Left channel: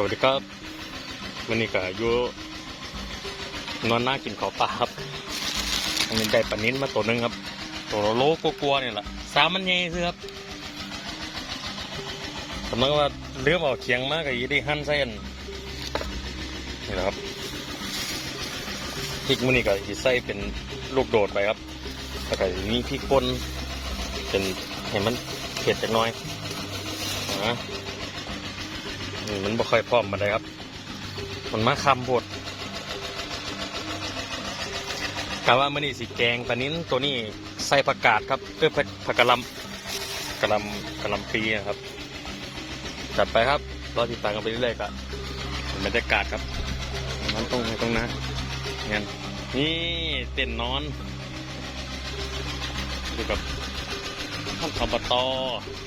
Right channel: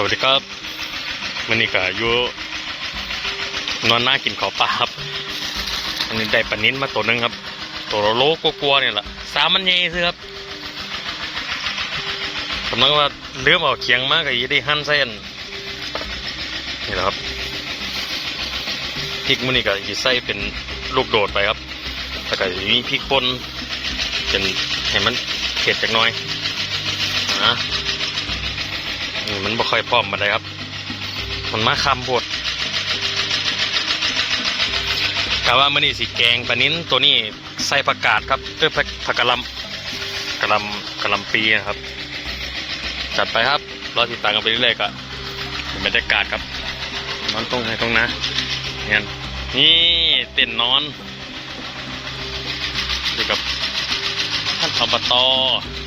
สวัสดีครับวันนี้ก็อยู่นอนหน้ากินข้าวปลาครับอันนี้ได้ปลานิ้นมาตัวหนึงครับ ตัวโลกลัวๆเนี่ยแหละสามมันใหญ่ซื้อครับกำลังว่าเลื่อมเอาเคียงมากก็ยีได้หั่นใส่อันนี่แหละครับพริกมันนี่ก็ยีใส่เป็นลูกโดดไปครับแล้วก็มีพริกป่นเป็นให้มันเผ็ดจักน่อยนะ นี่มันบ่ค่อยพร้อมมาได้ครับ มันมาคำโพดกะว่ามันนี่สีแกงปลานิ้นตัวนี้ใส่ผักกาดครับเออผักผักกะลำกะลำกะลำปีนะครับ จัดไปครับรอติดตามกันไปเรื่อยๆก็เป็นบรรยากาศครับนอนตรงไหนตรงนะเนี่ยนี่เต้นนอนอยู่กับท่านอบต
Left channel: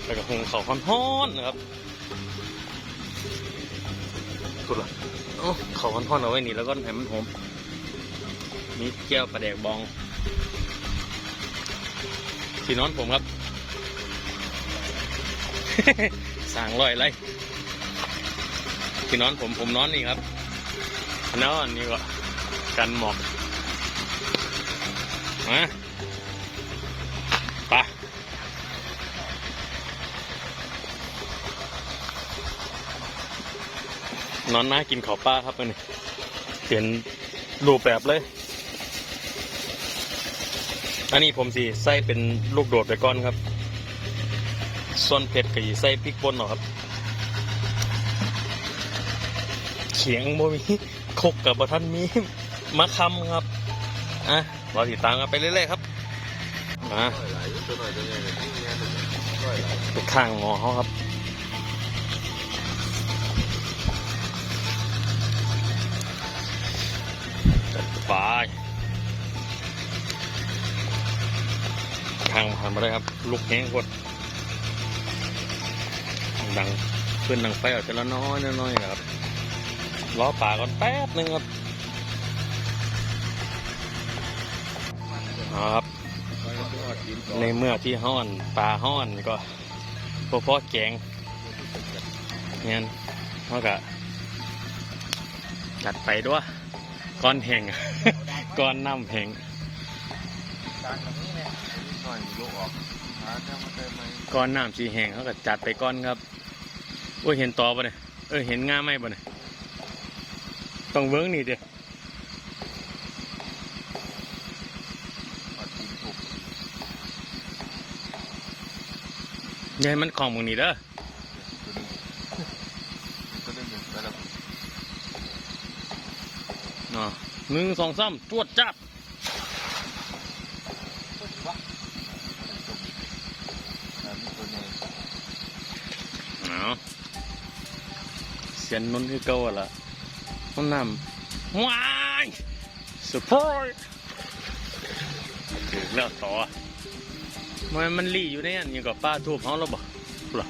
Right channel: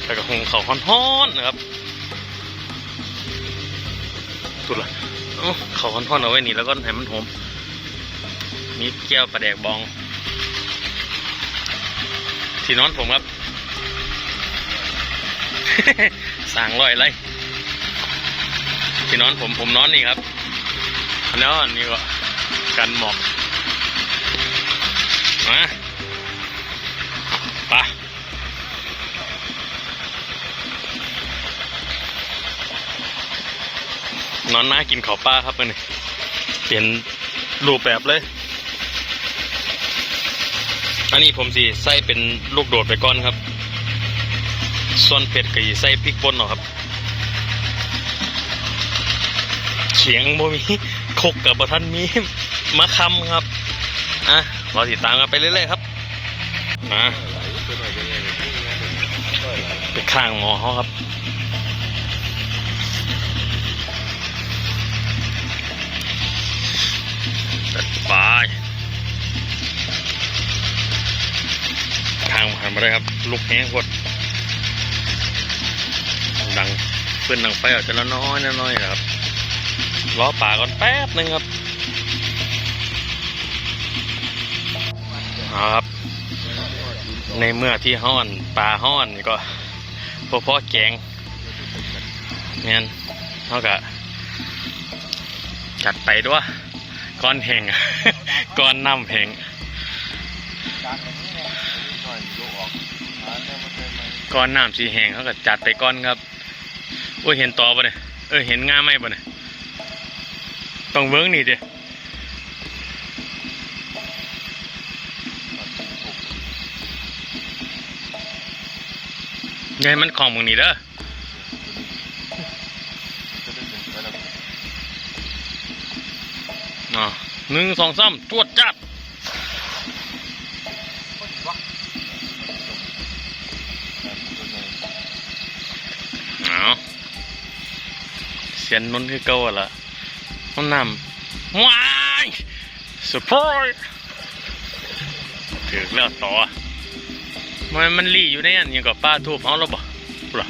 แล้วก็หงเขาฮ้อนๆนะครับ สุดละเอ้าเขาค่อนๆเอาไว้นี่แล้วก็ให้มันหอมมีแก้วปลาแดกบอง ที่นอนผมครับ สั่งร้อยไรที่นอนผมผมนอนนี่ครับน้อนนี้ก็กันหมอกมาไปะ นอนหน้ากินข้าวปลาครับมันเปลี่ยนรูปแบบเลย อันนี้ผมสิใส่เป็นลูกโดดไปก่อนครับ ส่วนเผ็ดก็สิใส่พริกป่นเนาะครับเขียงบ่มีคกกับบะทันมีมะคำครับอะรอติดตามกันไปเรื่อยๆครับมาไปข้างหมอเขาครับ ทางผ่านมาได้ครับ ลูกแห้งกดดังเพื่อนดังไฟออกจะละน้อยน้อยนะครับล้อป่าก่อนแป๊บหนึงครับครับ ในเมื่อที่ห้อนปลาห้อนก็พอพอแกงเนี่ยเท่ากับจัดไปด้วยก้อนแห่งก้อนน้ำแห่ง ก้อนน้ำสีแห้งเขาก็จัดไปก้อนครับโอ้ยเห็นต่อปะเนี่ยเออเห็นง่าไหมปะเนี่ยต้องเวิ้งนี่ดิยายมันของมึงนี่เด้ออ๋อหนึ่งสองสามจวดจับเอาเสียนนนคือเก่าอะล่ะน้ำน้ำว้ายสุดพอยถึงแล้วต่อมันมันรีอยู่ในอันยังกับป้าทูบเขาแล้วบ่หรอ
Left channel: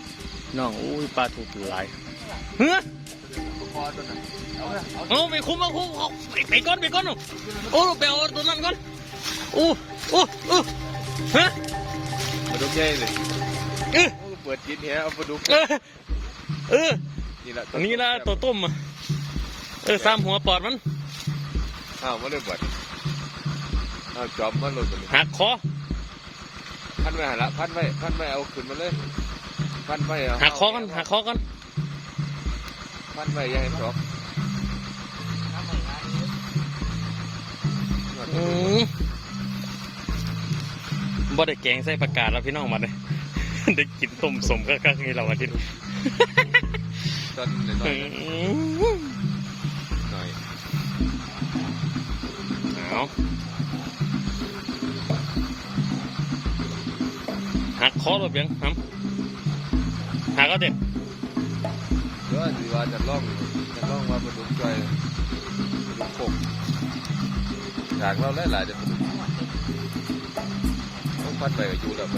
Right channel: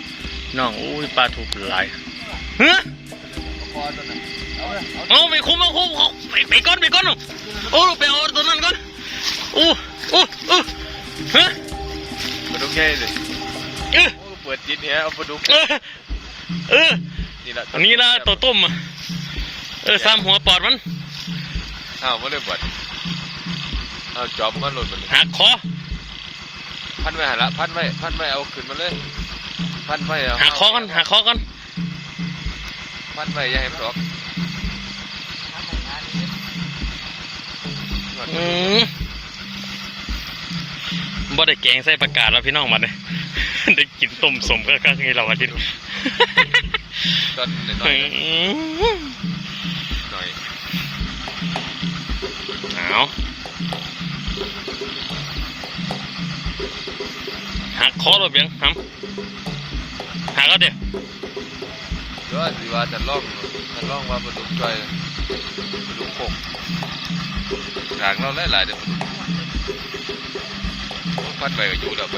น้องอุ้ยป้าทูบหลายเฮ้ยเอาไปคุมเอาคุมเอาไปไปก่อนไปก่อนโอ้ไปเอาตัวนั้นก่อนโอ้โอ้โอ้ฮะปลาดุกใหญ่เลยเออโอ้เปิดจิตเนี้ยเอาปลาดุกเออเออ นี่ละอันนี้ละตัวต้มอะเออสามหัวปอดมันอ้าวมาเลยบัดเอาจอมมาโหลดมันหักคอพันไว้หันละพันไว้พันไว้เอาขึ้นมาเลยพันไว้เอาหักคอกันหักคอกันพันไว้อย่าให้มันออกอืมบ่ได้แกงใส่ประกาศแล้วพี่น้องมันเลยได้กินต้มสมก็ก็งี้เราอาทิ ตย์ตอนน้อยๆหน่อยเอาหักคอรถเบียงทำหักก็เดี๋ยวหรือว่าสิว่าจะล่องจะล่องว่าปลาดุกจ่อยปลาดุกโขกทางเราหลายๆเดี๋ยวปลาดุกโอ้พันไว้ก็อยู่แล้วปล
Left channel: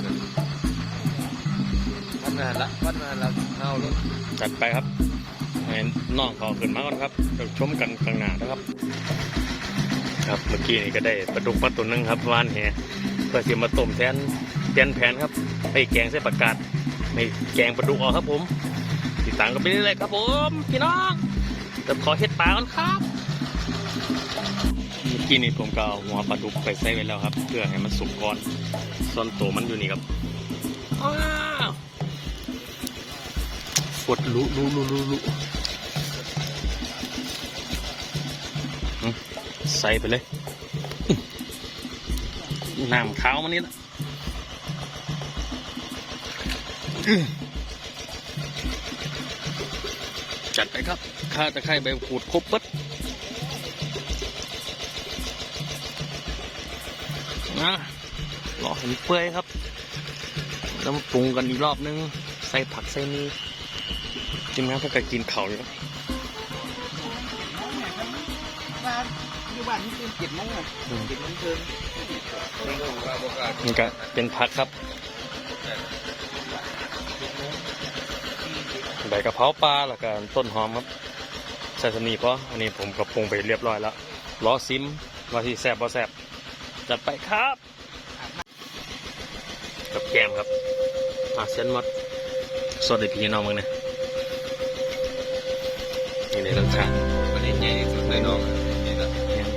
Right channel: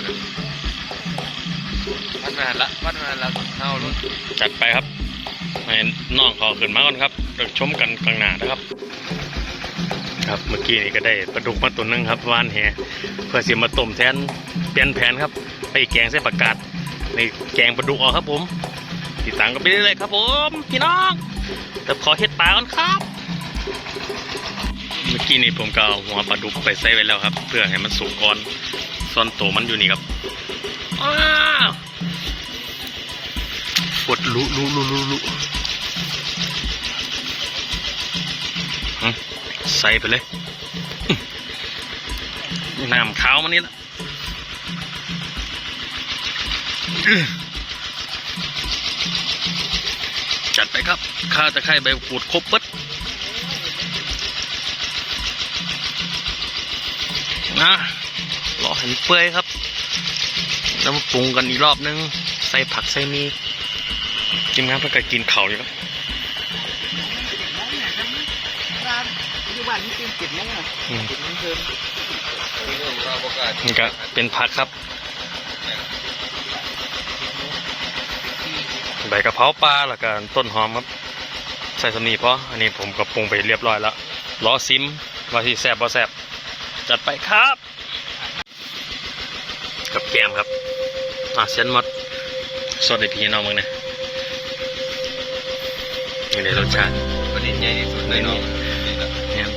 าดุกพันไว้หันละพันไว้หันละเอาลูกจัดไปครับให้น้องขาขึ้นมาก่อนครับเดี๋ยวชมกันกลางหน้านะครับ ครับเมื่อกี้นี่ก็ได้ปลาดุกมาตัวหนึงครับวานแหเพื่อเสียมาต้มแทนเปลี่ยนแผนครับ ไปแกงใส่ประกาศในแกงปลาดุกออกครับผมติดตามกันไปเรื่อยๆครับผมพี่น้องแต่ขอเฮ็ดปลาก่อนครับ เมื่อกี้นี่ผมก็เอาหัวปลาดุกไปใส่ไว้แล้วครับ เพื่อให้มันสุกก่อนส่วนตัวมันอยู่นี่ครับ อ้าวดลุลุลุลุลุหึใส่ไปเลยน้ำขาวมันนี่ละจัดไปครับ ข้าตะไคร้ใบกูดครบเปิดนะรอให้มันเปื่อยครับ แล้วมาปรุงกันอีกรอบนึง ใส่ผักใส่มี กินน้ำเพื่อกินเข่าวอยู่ครับอยู่บ้านนี่เป็นเจ็ดโมงอะอืมเจ็ดโมงเพิ่มนี่ก็ว่าประกาศนี่ก็เป็นผักครับ ใบกะเพราปลาแล้วก็ต้นหอมครับ ใส่สำนีเพราะอันนี้ผมก็ปรุงไปเรียบร้อยแล้วรอซิมว่าที่แซ่บบ่แซ่บจัดไปครับ กับแกมครับอะเส้นหมดสดในพี่น้องมึงเนี่ย นี่ในรสชาติประเด็นใหญ่ที่สุดเลยเนาะนี่นะเนี่ย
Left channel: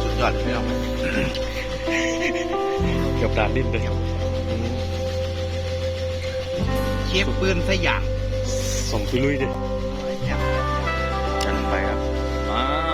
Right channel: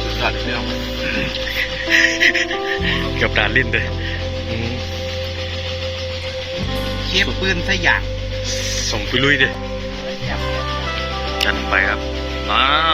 สุดยอดเลยพี่น้องเกับดานลิ้นเลยอืมเชฟปืนสยามส่งไปลุยดิจัดไปครับอ้าว